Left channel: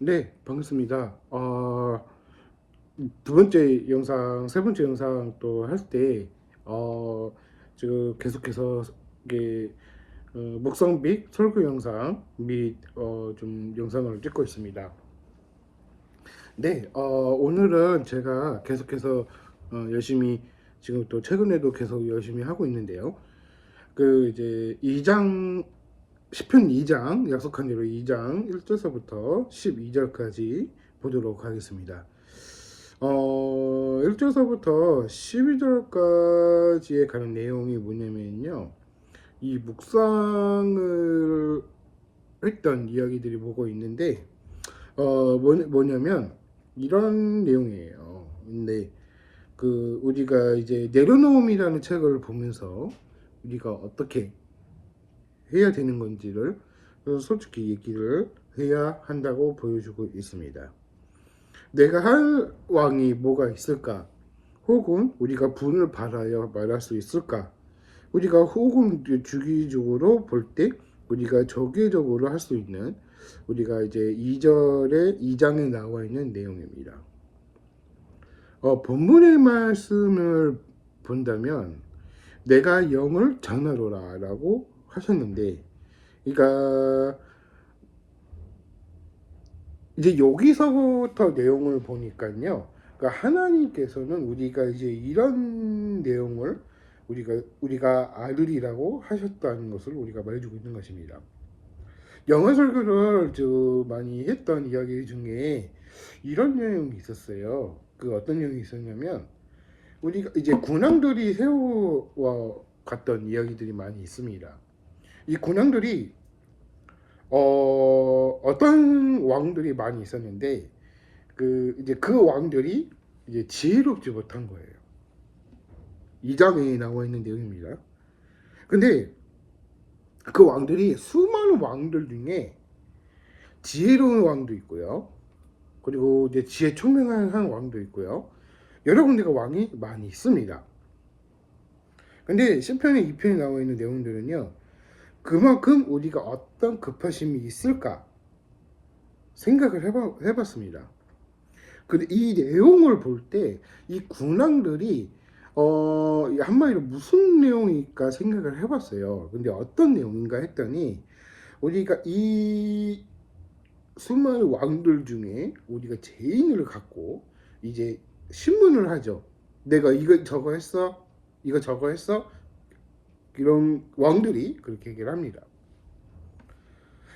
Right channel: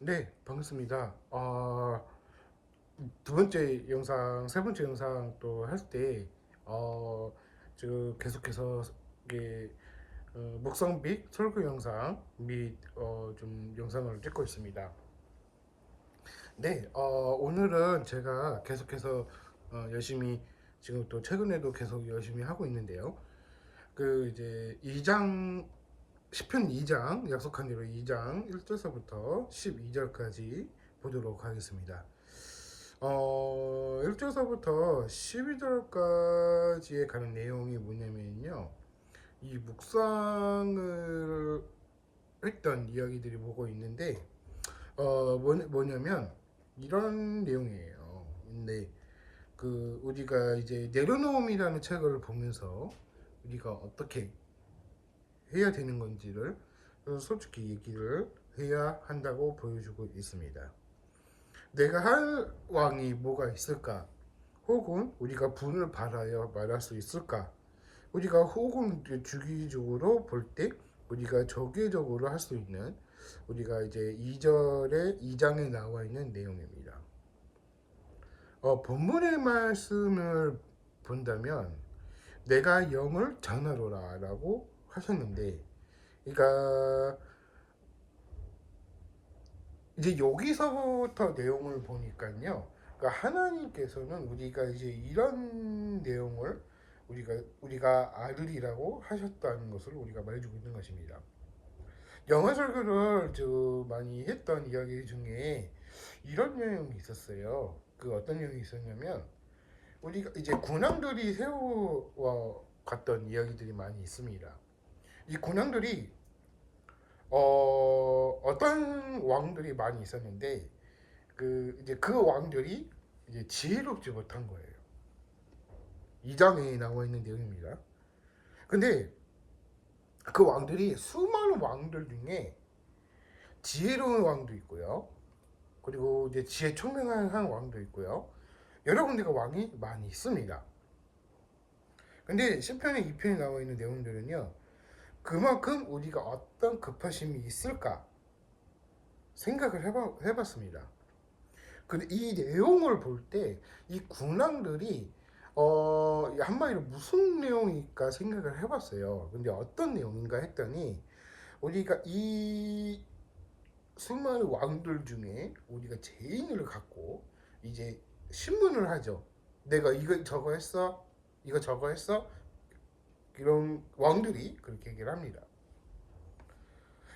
네, 반갑습니다. 두 번째 영상, 세 번째 영상 또 할 때, 어, 지금 계속해서 이게 목성 및 설교 영상 및 좀 영상을 찍고 있습니다. 네, 오늘은 제가 계속해서 열심히 지금 또 최근에도 계속 열심히 하고 있는데요. 그 이제 2장 시편 2장 약속한 대로 2장 1절서부터 12절까지 보도록 하겠습니다. 1절서부터 12절까지에 가는 내용이 뭐냐면요. 이 묵상을 했던 이야기들이 보고 있는데 뭐냐면 이런 내용이에요. 근데 그 우리가 이제 내려놓음이라는 책을 보면서 우리가 어떻게 해야 되는 건지를 솔직히 얘기를 해야 한다고 보여주고 있습니다. 내가 할 왕이 뭐가 있을까? 혹은 우리가 분을 받아야 말할 수 있을까? 우리가 혹은 주기적으로 볼 때 우리가 정기적으로 할 수 있는 우리가 이제 2절에 2장에 나와 있는 내용입니다. 본문의 말씀을 본다면 내가 영을 전하노라 라고 하셨는데, 그러니까 이제 여기서부터 내용을 보니까요. 그러니까 하나님께서는 우리가 이제 이런 내용을 우리가 알으리라고 하셨다는 것을 우리가 말해주고 있는 것입니다. 영어 설교를 많이 했던 이야기 중에 이런 내용이 있었어요. 그 어떤 내용이 있었냐면 우리가 이제 군왕들이 세워 갔던 이야기들이 많이 있습니다. 이 군왕들이 어떤 왕들이 많이 있었는데 이제 그 왕들이 이제 지혜롭지 못한 거예요. 2장에 나와 있는 내용입니다. 근데 그 왕들이 수많은 왕들 중에 지혜로운 왕도 있고요. 그리고 이제 지혜 총명한 왕도 있고요. 여러 군데가 왕이 많이 있습니다. 근데 시편의 2편에 나와 있는 내용들은요. 그만큼 우리가 어떤 급하심이 있을까 생각을 해봤습니다. 근데 이 내용을 볼 때 이 군왕들이 한마디로 무슨 내용일까 생각을 해봤어요. 근데 어떤 내용인가 했더니 우리가 이 수많은 왕들 중에 우리가 제인을 갖고 이제 신문을 하죠. 내가 이거 저거 했어, 이거 저거 했어. 이런 왕들이 그렇게 얘기를 합니다.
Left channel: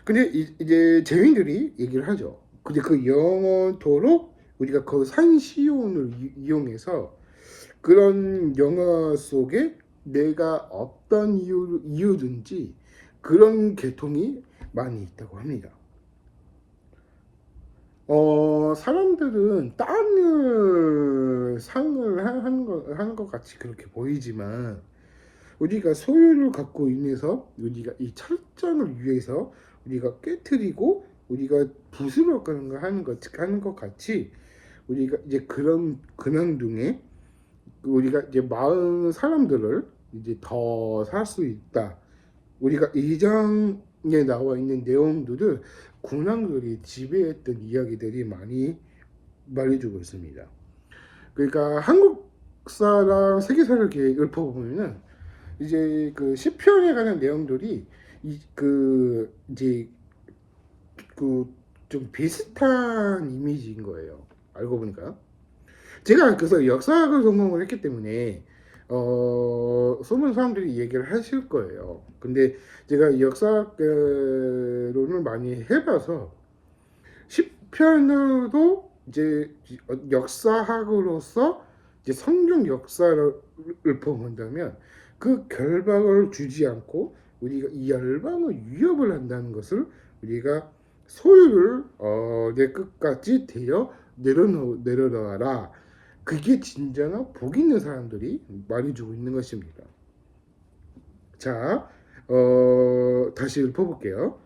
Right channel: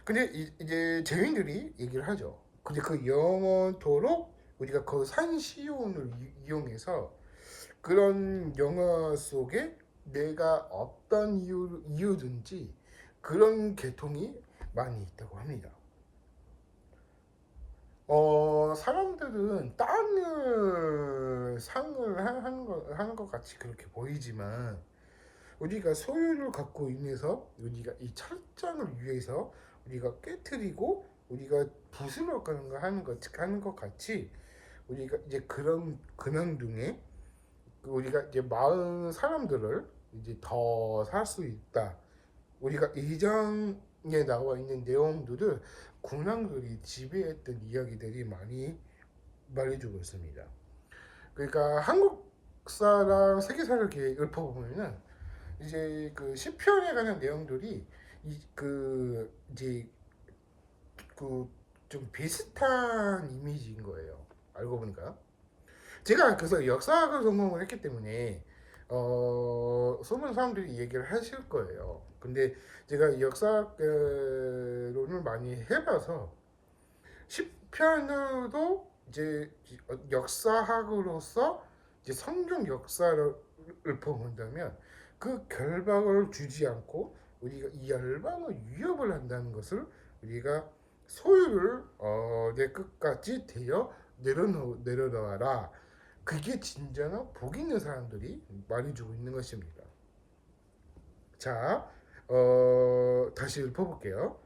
근데 이제 제인들이 얘기를 하죠. 근데 그 영원토록 우리가 그 산시온을 이용해서 그런 영화 속에 내가 어떤 이유든지 그런 계통이 많이 있다고 합니다. 사람들은 땅을 상을 하는 것 같이 그렇게 보이지만 우리가 소유를 갖고 인해서 우리가 이 철장을 위해서 우리가 깨뜨리고 우리가 부수러 가는 거 하는 것 같이 우리가 이제 그런 근황 중에 우리가 이제 마을 사람들을 이제 더 살 수 있다. 우리가 이장에 나와 있는 내용들을 군왕들이 지배했던 이야기들이 많이 말해주고 있습니다. 그러니까 한국사랑 세계사를 이렇게 읊어보면은 이제 그 시편에 관한 내용들이 이제 그 좀 비슷한 이미지인 거예요. 알고 보니까 제가 그래서 역사학을 전공을 했기 때문에 수많은 사람들이 얘기를 하실 거예요. 근데 제가 역사론을 많이 해봐서 시편으로도 이제 역사학으로서 이제 성경 역사를 본다면 그 결박을 주지 않고 우리가 이 열방을 위협을 한다는 것을 우리가 소유를 내 끝까지 되어 내려놔라. 그게 진정한 복 있는 사람들이 말해주고 있는 것입니다. 자, 다시 읊어볼게요.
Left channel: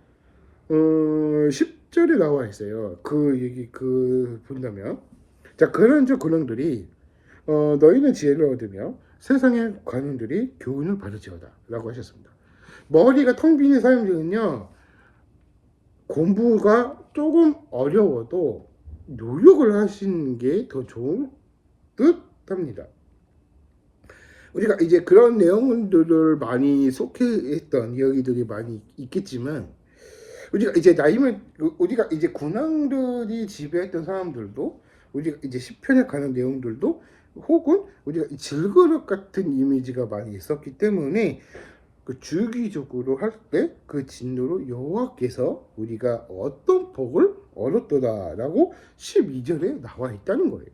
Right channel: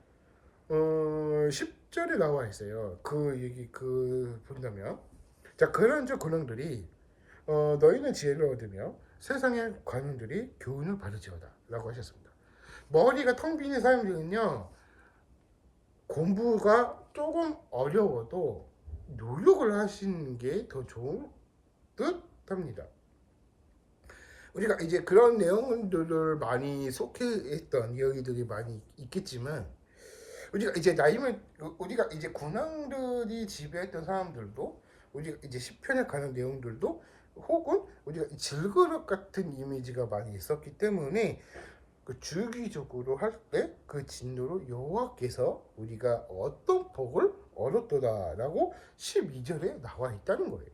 10절에 나와 있어요. 그 얘기 본다면 자, 그런 저 군왕들이 너희는 지혜를 얻으며 세상의 관원들이 교훈을 받으지어다 라고 하셨습니다. 머리가 텅 빈 사람들은요 공부가 조금 어려워도 노력을 하시는 게 더 좋은 듯 합니다. 우리가 이제 그런 내용들을 많이 속해했던 이야기들이 많이 있겠지만, 우리가 이제 나이면 우리가 이제 군왕들이 지배했던 사람들도 우리가 이제 시편에 관한 내용들도 혹은 우리가 질그릇 같은 이미지가 많이 있었기 때문에 그 주기적으로 할 때 그 진노로 여호와께서 우리가 어떤 복을 얻었도다라고 12절에 나와 있다는 거예요.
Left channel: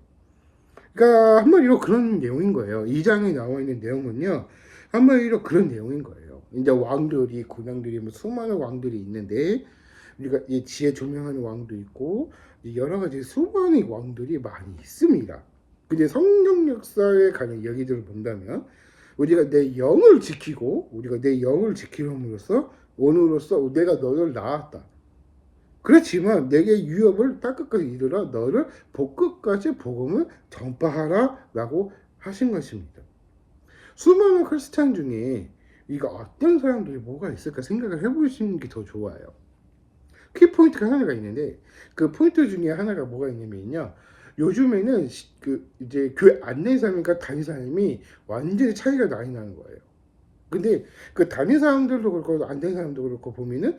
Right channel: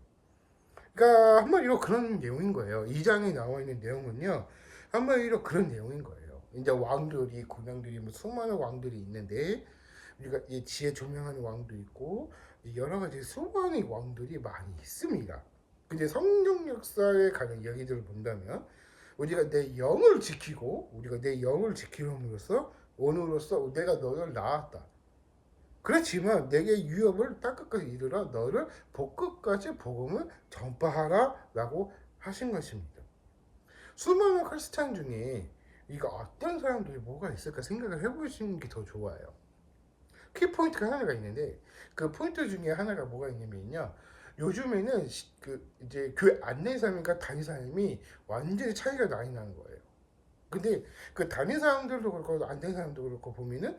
그러니까 한마디로 그런 내용인 거예요. 2장에 나와 있는 내용은요, 한마디로 그런 내용인 거예요. 이제 왕들이 군왕들이 뭐 수많은 왕들이 있는데 우리가 이 지혜 조명하는 왕도 있고 여러 가지 수많은 왕들이 많이 있습니다. 근데 성경 역사에 관한 이야기들을 본다면 우리가 내 영을 지키고 우리가 내 영을 지킴으로써 오늘로써 내가 너를 낳았다. 그렇지만 내게 유업을 땅끝까지 이르러 너를 복끝까지 복음을 전파하라 라고 하신 것입니다. 수많은 크리스찬 중에 이거 어떤 사람들이 뭐가 있을까 생각을 해보시는 게 더 좋아요. 키포인트가 하나가 있는데 그 포인트 중에 하나가 뭐가 있냐면요, 요즘에는 그 이제 교회 안내사님과 담임사님이 완전히 차이가 많이 나는 거예요. 근데 그 담임사람들도 그렇고 안내사람도 그렇고 보면은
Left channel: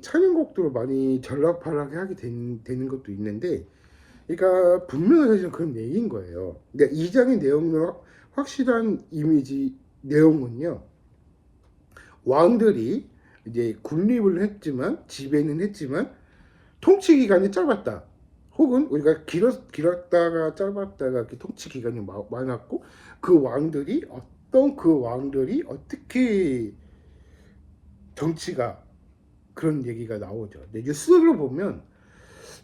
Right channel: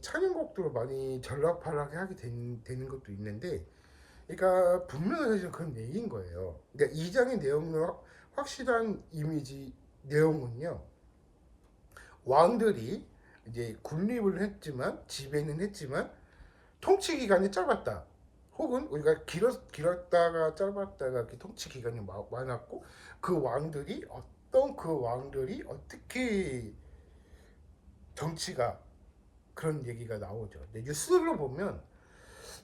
찬양곡들을 많이 전락팔락하게 하게 되는 것도 있는데, 그러니까 분명히 사실은 그런 얘기인 거예요. 근데 2장의 내용으로 확실한 이미지 내용은요, 왕들이 이제 군립을 했지만 지배는 했지만 통치 기간이 짧았다. 혹은 우리가 길었다가 짧았다가 이렇게 통치 기간이 많았고 그 왕들이 어떻게 정치가 그런 얘기가 나오죠. 근데 뉴스를 보면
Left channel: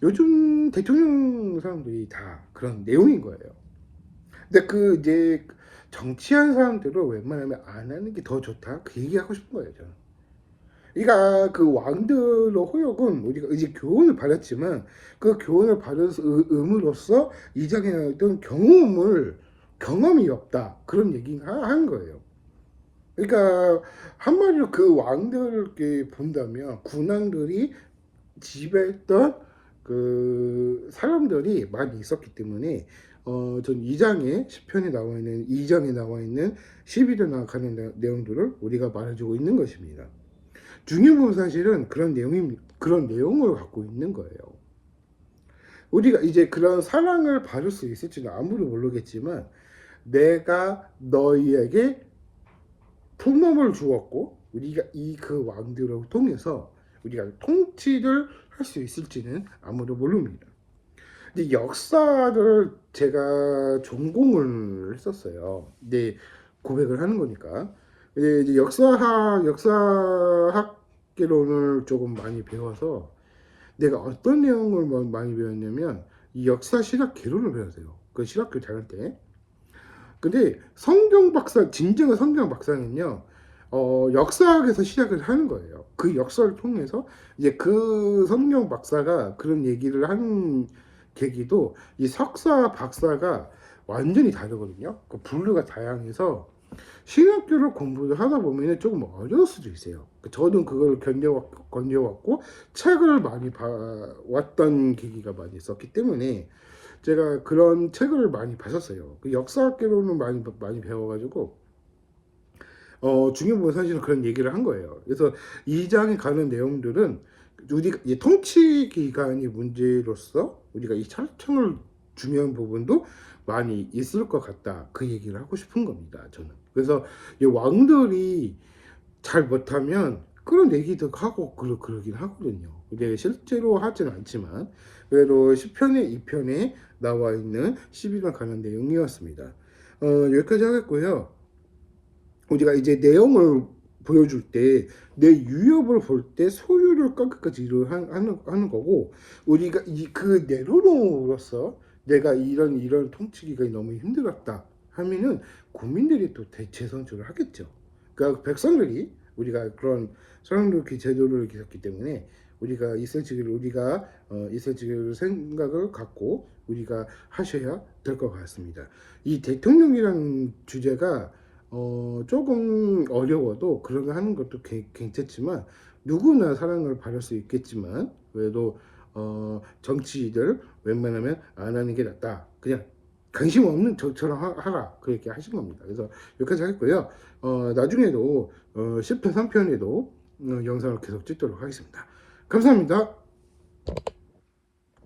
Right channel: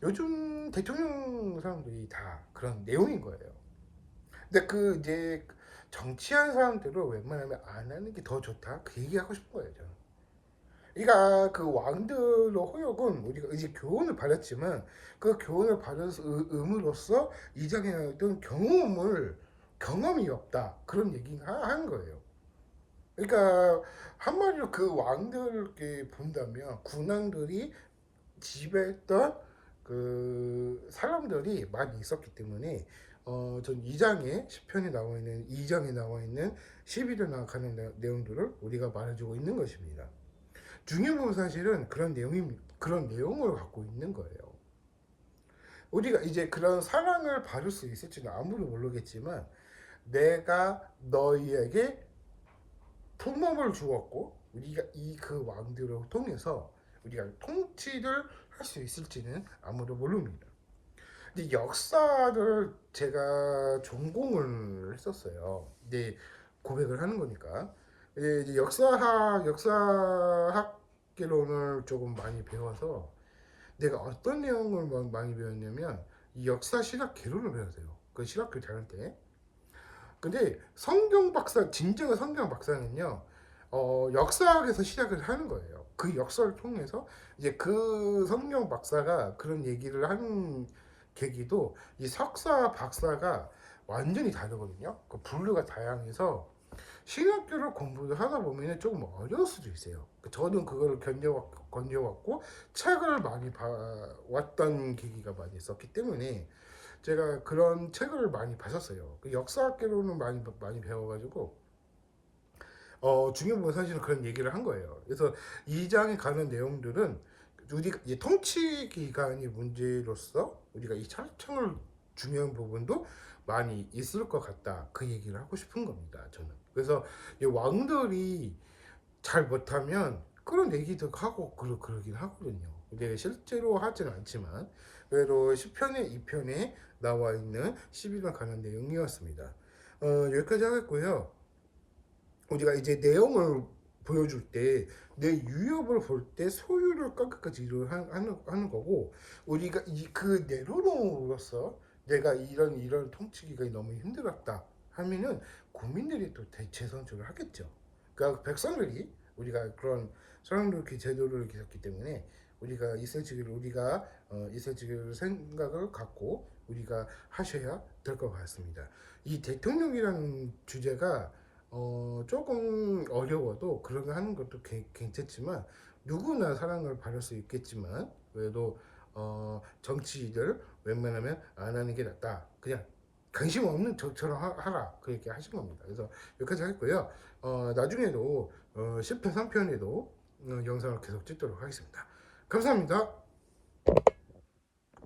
요즘 대통령 사람들이 다 그런 내용인 거예요. 근데 그 이제 정치한 사람들은 웬만하면 안 하는 게 더 좋다. 그 얘기하고 싶은 거예요, 저는. 그러니까 그 왕들의 호역은 우리가 이제 교훈을 받았지만 그 교훈을 받음으로써 이장에 어떤 경험이 없다. 그런 얘기를 하는 거예요. 그러니까 한마디로 그 왕들을 이렇게 본다면 군왕들이 지배했던 그 사람들이 많이 있었기 때문에 전 2장에 10편에 나와 있는 2장에 나와 있는 12절 나가는 내용들을 우리가 말해주고 있는 것입니다. 중요한 건 사실은 그런 내용을 갖고 있는 거예요. 우리가 이제 그런 사랑을 받을 수 있을지는 아무도 모르겠지만 내가 너희에게 품업을 주었고 우리가 이 그 왕들을 통해서 우리가 통치를 할 수 있을지는 아무도 모릅니다. 근데 역사를 제가 전공을 했었어요. 근데 고백을 하는 거니까. 근데 이제 역사학개론을 조금 많이 배워서 내가 어떤 내용을 많이 배웠냐면 이 역사 실학 개론을 배웠어요. 그 실학교 다닐 때. 근데 진정한 성경 박사는요, 역사학에서 시작을 하는 거예요. 그 역사를 통해서 이제 그 성경 박사가 그런 얘기를 하는 계기도 이 석사 박사가 완전히 다르거든요. 그 분류가 다양해서 신학교를 공부를 하다 보면 조금 어려울 수도 있어요. 저는 그걸 견뎌왔고 책을 많이 봐왔던 계기가 많이 있었기 때문에 제가 그런 책을 많이 봤었어요. 그 역사학계로는 많이 배워가지고 중요한 건 사실은 그런 얘기를 한 거예요. 그래서 2장에 가는 내용들은 우리가 이 통치 기간이 문제로서 우리가 이 철청을 중요한 부분도 많이 있을 것 같다. 그 얘기를 하고 싶은 겁니다. 저는. 그래서 이 왕들이 잘 못하면 그런 얘기도 하고 그러긴 하거든요. 근데 실제로 하지는 않지만 그래도 10편에 2편에 나와 있는 12장 관한 내용이었습니다. 여기까지 하겠고요. 우리가 이제 내용을 보여줄 때 내 유협을 볼 때 소유를 끝까지 하는 거고, 우리가 그 내로로서 내가 이런 통치 기간이 너무 힘들었다 하면은 국민들이 또 대체 선출을 하겠죠. 그러니까 백성들이 우리가 그런 사람들께 제도를 기었기 때문에 우리가 있을 지기를 생각을 갖고 우리가 하셔야 될 것 같습니다. 이 대통령이라는 주제가 조금 어려워도 그런 거 하는 것도 괜찮지만 누구나 사랑을 받을 수 있겠지만 그래도 정치들 웬만하면 안 하는 게 낫다. 그냥 관심 없는 저처럼 하라 그렇게 하신 겁니다. 그래서 여기까지 하겠고요. 나중에도 10편 3편에도 영상을 계속 찍도록 하겠습니다. 감사합니다.